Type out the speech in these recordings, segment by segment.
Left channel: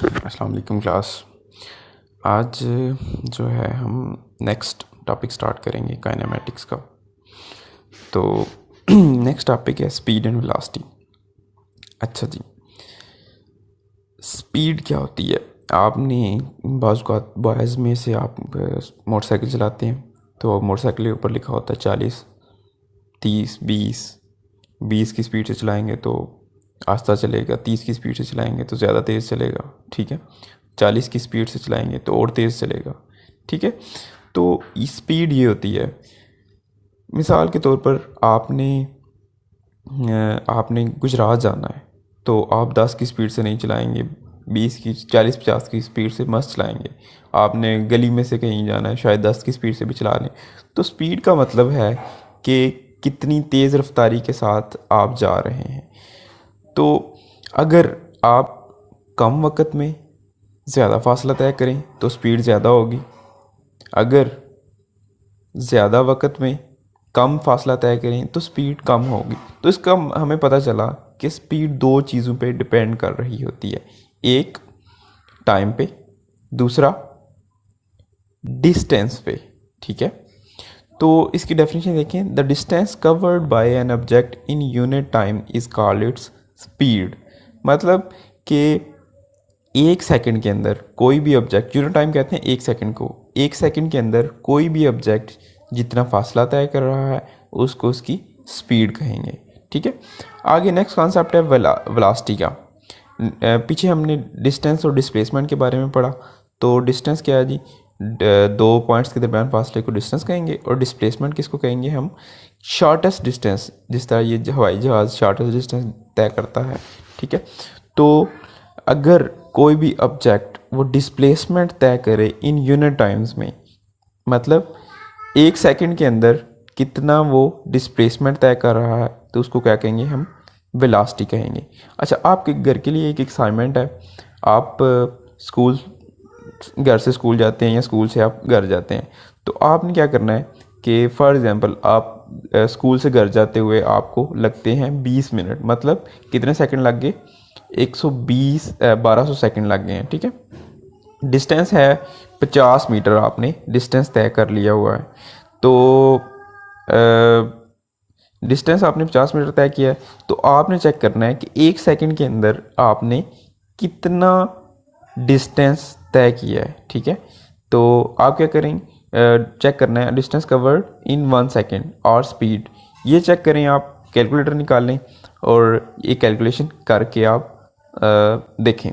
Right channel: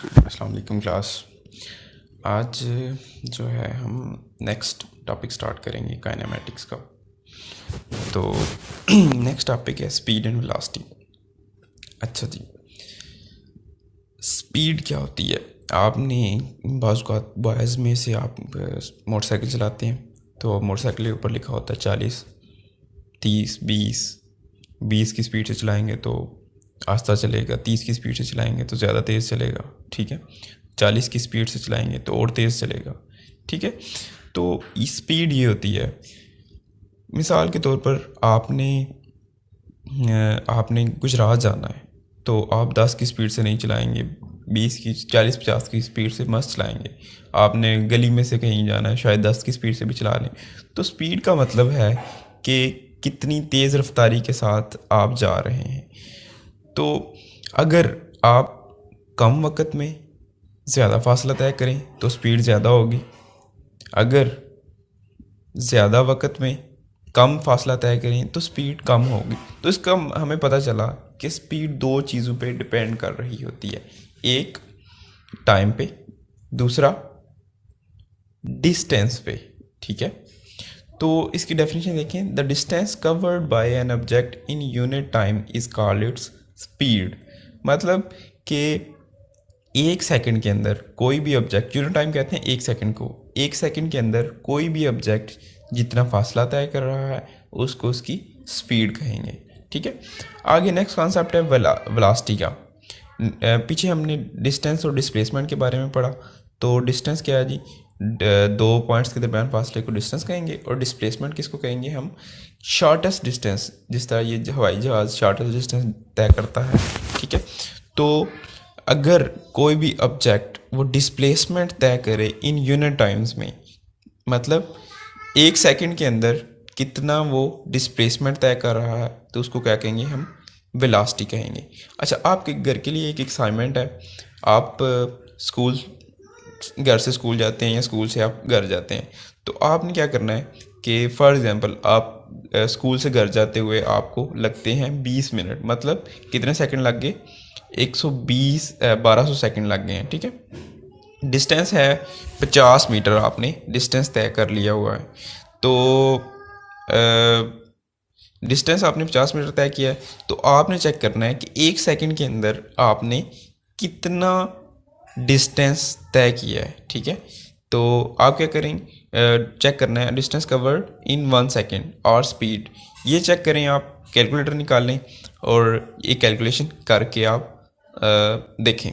अस्सलाम वालेकुम क्लास। आज जो है हम नेक्स्ट टॉपिक स्टार्ट करेंगे काइनेमेटिक्स का। तो नेक्स्ट टॉपिक है स्पीड एंड वेलोसिटी। अच्छा जी, स्पीड क्या होती है? आपने बॉयज़ में से आप मोटरसाइकिल चलाते हैं, तो मोटरसाइकिल के ऊपर लिखा होता है 40, 30, 20 की स्पीड से चलाएंगे तो आस्ता चलेगा, 30 की स्पीड से चलाएंगे तो ज़्यादा तेज़ चलेगा, ठीक है। 40 की स्पीड से चलाएंगे तो और तेज़ चलेगा, ठीक है। तो स्पीड ये होती है, मिसाल के तौर पर आपने गुजरात जाना है तो आप 10 की स्पीड से नहीं चलाएंगे, 20 की, 40, 50 की स्पीड से मस्त चलाएंगे। आपने गली में से कहीं जाना है, शायद 10 की स्पीड से भी चला लें। तो स्पीड का मतलब है कि कितनी तेज़ रफ्तारी के साथ आप जा रहे हैं। तो अगर आप कम वक्त में ज़्यादा फासला तय करें तो स्पीड ज़्यादा होगी। अगर ज़्यादा वक्त में कम फासला तय करें तो स्पीड कम होगी। तो इसका हमें पता चला कि स्पीड दो चीज़ों पे डिपेंड कर रही होती है, एक टाइम पे, दूसरा डिस्टेंस पे, ठीक है। तो इसकी डेफिनेशन देखें, the distance covered by an object in unit time is called its speed. मतलब कि एक सेकंड के अंदर कोई भी ऑब्जेक्ट, यूनिट टाइम कहते हैं एक सेकंड को, एक सेकंड के अंदर कोई भी ऑब्जेक्ट जितना फासला तय कर रहा है उसको उसकी स्पीड कहेंगे, ठीक है। आगे नेक्स्ट कॉन्सेप्ट है वेलोसिटी का। पीछे हमने डिस्टेंस और डिस्प्लेसमेंट के बारे में पढ़ा। तो डिस्टेंस क्या है जी? दो पॉइंट्स के दरमियान फासले को डिस्टेंस कहेंगे, और डिस्प्लेसमेंट किसको कहेंगे हम? शॉर्टेस्ट डिस्टेंस, जिस तरह ये हवाई जहाज़ शॉर्टेस्ट डिस्टेंस तय करता है, ठीक है। तो अगर कोई भी ऑब्जेक्ट वो डिस्प्लेसमेंट तय करे इन यूनिट टाइम्स में, मतलब एक सेकंड के अंदर कितना वो डिस्प्लेसमेंट तय कर रहा है, तो उसको क्या कहेंगे हम? वेलोसिटी कहेंगे। अच्छा, आपके घर के लिए एक असाइनमेंट है। आप स्कूल घर से स्कूल जाते हैं या स्कूल से आप घर जाते हैं, तो आपने क्या करना है कि फॉर एग्ज़ाम्पल आप स्कूल से घर जाते हुए आपको लगते हैं 20 मिनट, मतलब कितने सेकंड लग गए? 120 1200 सेकंड लग गए हैं, ठीक है। डिस्टेंस है 50 मीटर, आपने डिस्टेंस तय कर लिया हुआ है। तो डिस्टेंस आपने 50 मीटर तय किया है, तो आपने चेक करना है कि एक सेकंड के अंदर आपने कितना डिस्टेंस तय किया है, ठीक है। तो आप क्या करेंगे? चेक करना है डिस्टेंस कवर्ड इन 1 सेकेंड और स्पीड। ये चेक करें, आप कैलकुलेटर निकाल लें और ये कैलकुलेशन करके आप देखें,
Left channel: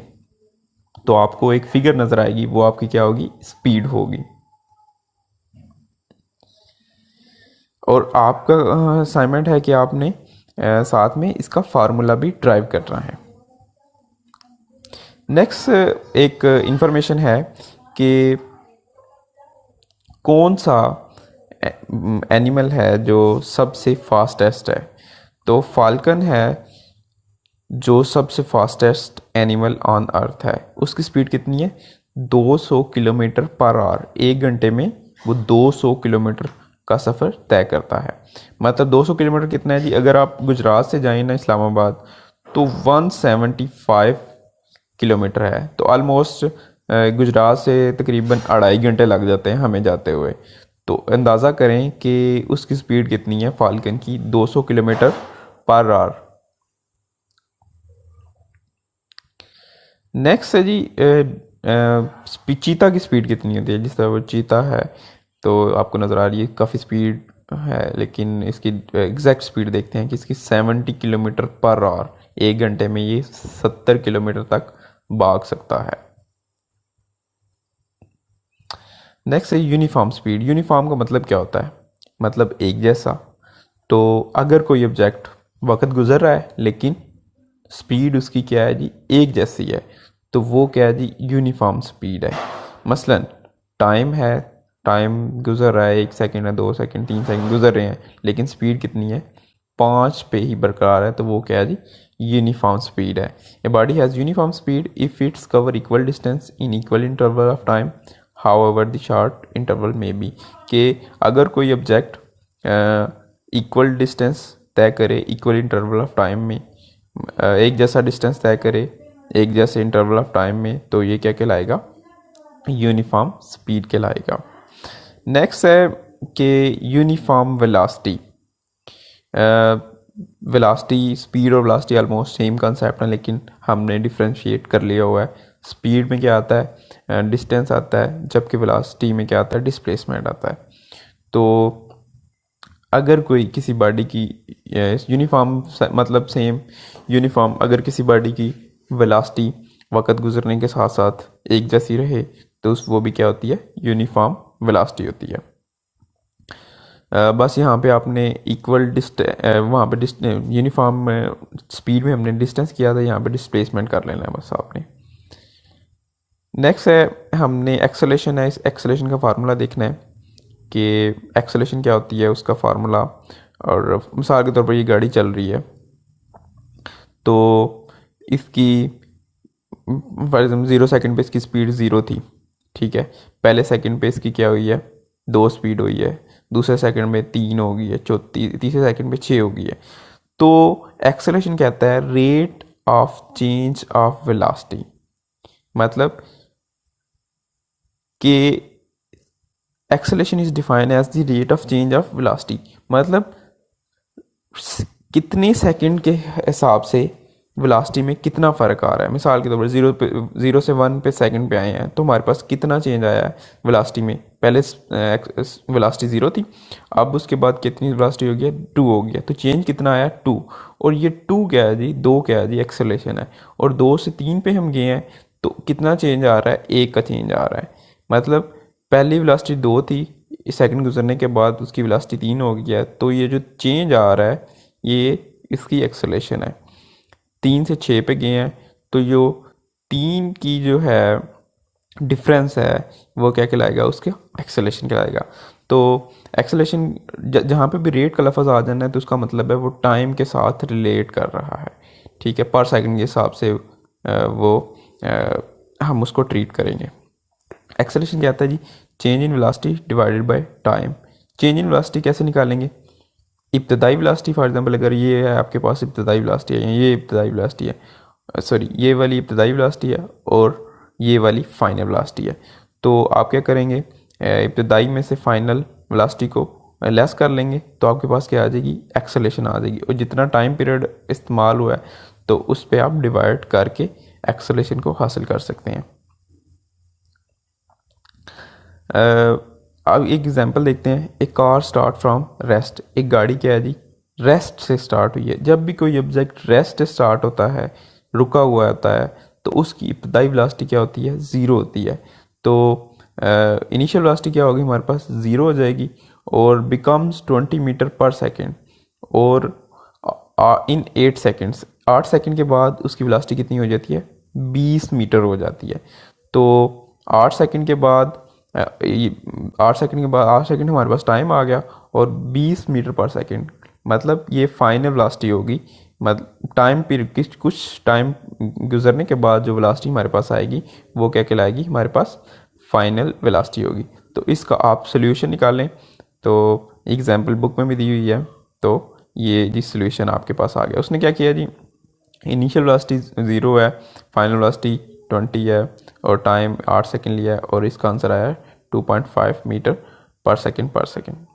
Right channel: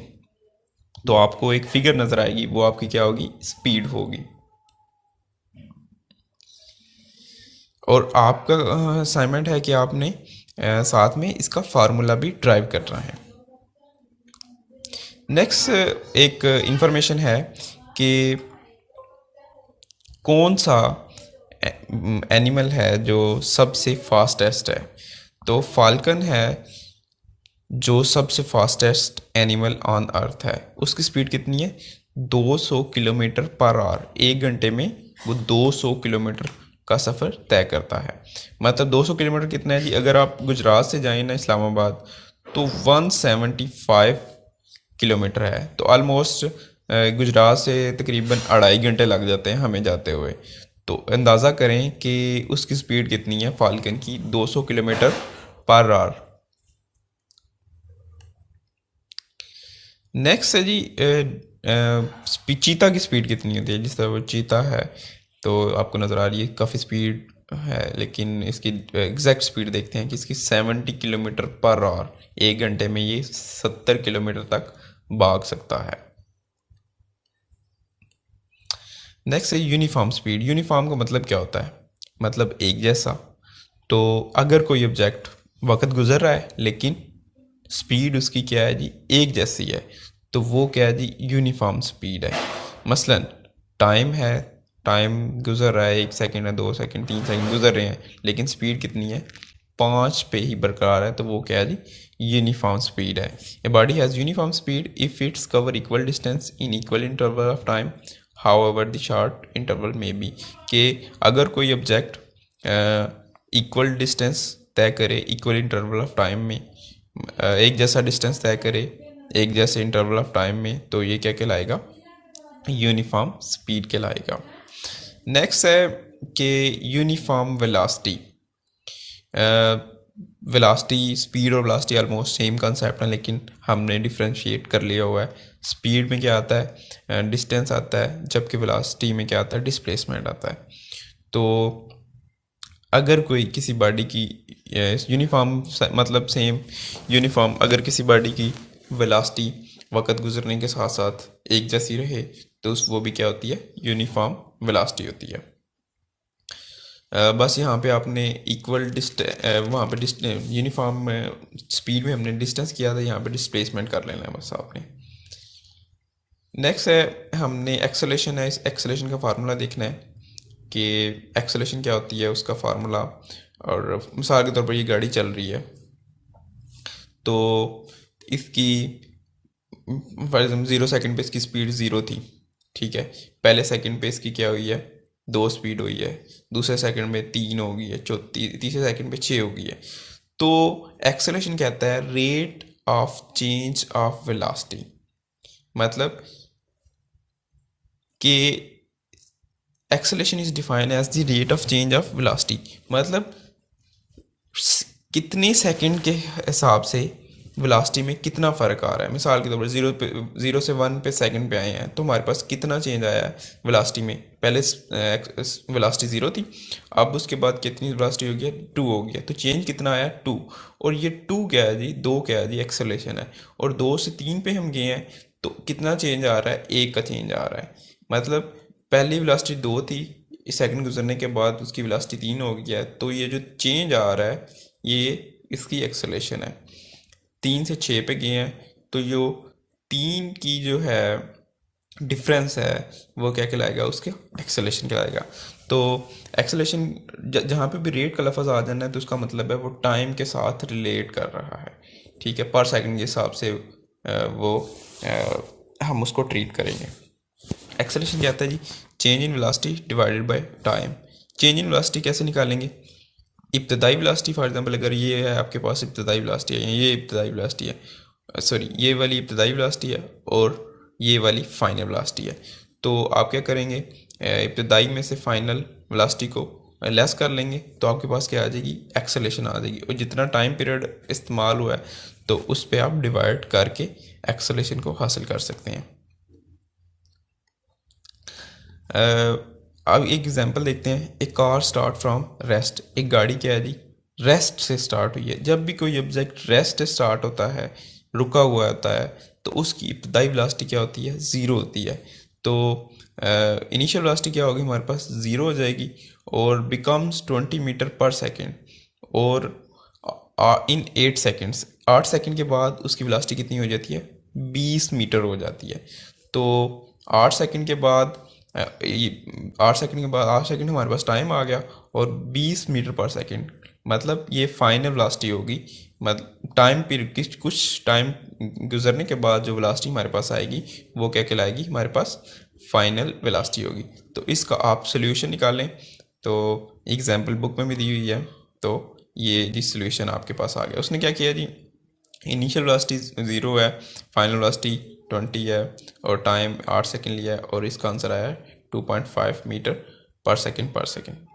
तो आपको एक फिगर नज़र आएगी, वो आपकी क्या होगी? स्पीड होगी। और आपका असाइनमेंट है कि आपने साथ में इसका फार्मूला भी ड्राइव करना है। नेक्स्ट एक इंफॉर्मेशन है कि कौन सा एनिमल है जो सबसे फास्टेस्ट है। तो फाल्कन है जो सबसे फास्टेस्ट एनिमल ऑन अर्थ है। उसकी स्पीड कितनी है? 200 किलोमीटर पर आवर। एक घंटे में वो 200 किलोमीटर का सफ़र तय करता है। मतलब 200 किलोमीटर कितना है जी? अगर आप गुजरात से जाएं ना इस्लामाबाद, तो 175 किलोमीटर है। तो ऑलमोस्ट गुजरात से तकरीबन 2.5 घंटे लग जाते हैं हमें जाते हुए। तो अंदाज़ा करें कि उसकी स्पीड कितनी है फाल्कन की? 200 किलोमीटर पर आवर। नेक्स्ट है जी चीता की स्पीड कितनी होती है? जिस तरह वो चीता है, तो आपको नज़र आ रही है काफ़ी स्पीड है, लेकिन इसकी एग्जैक्ट स्पीड देखते हैं कि इसकी 70 किलोमीटर पर आवर। एक घंटे में ये 70 किलोमीटर तक भाग सकता है। नेक्स्ट है यूनिफॉर्म स्पीड। यूनिफॉर्म का मतलब क्या होता है? मतलब एक जैसा। तो अगर कोई ऑब्जेक्ट वक्त गुजर रहा है लेकिन स्पीड उसकी क्या है जी? एक जैसी है, तो वो क्या है जी? यूनिफॉर्म स्पीड है। मसलन टाइम है, टाइम गुजर रहा है, 1 सेकंड है, 2 सेकंड, 3 सेकंड गुजर रहे हैं, लेकिन स्पीड कितनी है? 5 पे ही बरकरार है, तो वो क्या है जी? यूनिफॉर्म स्पीड है। ए body has uniform speed if its cover equal distance in equal interval of time how ever the short interval में बी। कि अगर कोई ऑब्जेक्ट इक्वल डिस्टेंस तय करे इक्वल इंटरवल ऑफ टाइम में, एक जैसा डिस्टेंस तय करे एक जैसे इंटरवल ऑफ टाइम में, तो ये क्या कहलाएगा, यूनिफॉर्म स्पीड कहलाएगा। नेक्स्ट है कि यूनिफॉर्म वेलोसिटी। वेलोसिटी, स्पीड और वेलोसिटी ऑलमोस्ट सेम कंसेप्ट है, लेकिन हमने डिफ्रेंशिएट कर लिया हुआ है। स्पीड में क्या आता है, डिस्टेंस आता है, जबकि वेलोसिटी में क्या आता है, डिस्प्लेसमेंट आता है। तो अगर कोई किसी बॉडी की यूनिफॉर्म, मतलब सेम यूनिफॉर्म, अगर किसी बॉडी की वेलोसिटी वक्त गुजरने के साथ साथ एक जैसी रहे, तो वो भी क्या होती है, यूनिफॉर्म वेलोसिटी होती है। बस यहाँ पे आपने इक्वल वहाँ पे यूनिफॉर्म स्पीड में हमने डिस्टेंस किया था, यहाँ पे डिस्प्लेसमेंट कर लेना है बस आपने। नेक्स्ट है, हमने एक्सेलेरेशन है, इस एक्सेलेरेशन का फार्मूला देखना है कि एक्सेलेरेशन क्या होती है, उसका फार्मूला। और मिसाल के तौर पर ये गाड़ी चल रही है, तो इसकी फॉर एग्जाम्पल 0 सेकंड पे इसकी स्पीड 0 थी, ठीक है। पहले सेकंड पे इसकी क्या हुई है, 2 स्पीड हुई है, दूसरे सेकंड में 3 हो गई है, तीसरे सेकंड पे 6 हो गई है। तो एक्सेलेरेशन कहता है rate of change of velocity, मतलब कि acceleration is defined as the rate of change of velocity, मतलब कितने सेकंड के हिसाब से वेलोसिटी में कितना फ़र्क आ रहा है। मिसाल के तौर पर 0 से 1 पे सेकंड पे आए हैं, तो हमारे पास कितना चेंज आया है वेलोसिटी में। पहले वेलोसिटी 0 थी, अब उसके बाद कितनी वेलोसिटी हो गया, 2 हो गया, तो चेंज कितना आया, 2। और ये 2 क्या है जी, 2 क्या है जी, एक्सेलेरेशन है। और 2 से 3 पे हम गए हैं, तो कितना चेंज आ रहा है, 1 का चेंज आ रहा है। मतलब पहली वेलोसिटी 2 थी, सेकंड गुजरने के बाद उसकी वेलोसिटी 3 हो गया, तो ये जो चेंज आ रहा है ये इसकी एक्सेलेरेशन है। 3 से 6 पे गए हैं, तो जो 3 की जो है डिफरेंस है वो क्या कहलाएगा, उसके एक्सेलेरेशन कहलाएगा। तो एक्सेलेरेशन जहाँ पे भी रेट का लफ्ज़ आ जाना है, तो उसका मतलब है वो टाइम के साथ रिलेट कर रहा है, ठीक है, पर सेकंड के हिसाब से हम उसको ट्रीट करेंगे। एक्सेलेरेशन क्या आता है जी, change in velocity divided by time. Change in velocity कैसे निकालेंगे, इब्तदाई वेलोसिटी फॉर एग्जांपल अगर ये है आपके पास इब्तदाई वेलोसिटी है, ये इब्तदाई वेलोसिटी है, सॉरी ये वाली इब्तदाई वेलोसिटी है और ये वाली फाइनल वेलोसिटी है। तो आप क्या करेंगे, इब्तदाई में से फाइनल वेलोसिटी को लेस कर लेंगे, तो आपके पास क्या आ जाएगी, एक्सेलेरेशन आ जाएगी। और जितना टाइम पीरियड इस्तेमाल हुआ है, तो उस पर आप डिवाइड करके एक्सेलेरेशन को हासिल कर सकते हैं। अब एक एग्जांपल देखते हैं, एक कार स्टार्ट फ्रॉम रेस्ट। एक गाड़ी क्या है जी, रेस्ट से स्टार्ट हुई है। जब भी कोई ऑब्जेक्ट रेस्ट से स्टार्ट होता है, रुका हुआ होता है, तो उसकी इब्तदाई वेलोसिटी क्या होती है, 0 होती है। तो इनिशियल वेलोसिटी क्या होगी, हमारे पास 0 हो जाएगी और बिकम्स 20 मीटर पर सेकेंड। और इन 8 सेकेंड्स, 8 सेकेंड के बाद उसकी वेलोसिटी कितनी हो जाती है, 20 मीटर हो जाती है। तो 8 सेकेंड के बाद 8 सेकंड हमारे पास टाइम आ गया, और 20 मीटर पर सेकंड, मतलब ये फाइनल वेलोसिटी होगी। मतलब टाइम पीरियड कुछ टाइम गुजरने के बाद जो वेलोसिटी हमारे पास आएगी, वो क्या कहलाएगी, हमारे पास फाइनल वेलोसिटी होगी। तो इसका आप सोल्यूशन निकालें, तो एग्जाम्पल बुक में भी दी हुई है। तो ये जी सोल्यूशन आपके पास आ गया। उसने क्या किया जी, इनिशियल वेलोसिटी 0 है, फाइनल वेलोसिटी 20 है, और टाइम 8 सेकंड लिया है, और इसका आंसर आया 2.5 मीटर पर सेकंड।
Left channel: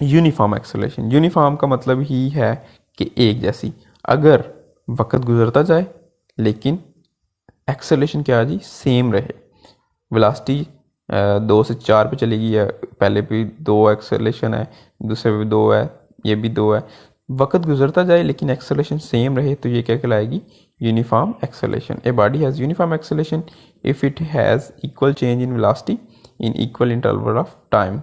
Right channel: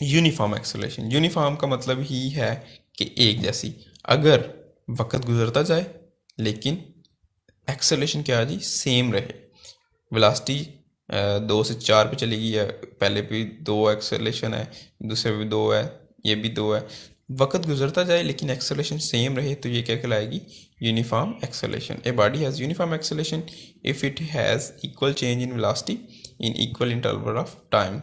यूनिफॉर्म एक्सेलरेशन, यूनिफॉर्म का मतलब ही है कि एक जैसी। अगर वक्त गुजरता जाए लेकिन एक्सेलरेशन क्या है जी, सेम रहे। वेलोसिटी 2 से 4 पे चली गई है, पहले भी 2 एक्सेलरेशन है, दूसरे भी 2 है, ये भी 2 है। वक्त गुजरता जाए लेकिन एक्सेलरेशन सेम रहे, तो ये क्या कहलाएगी, uniform acceleration. A body has uniform acceleration if it has equal change in velocity in equal interval of time.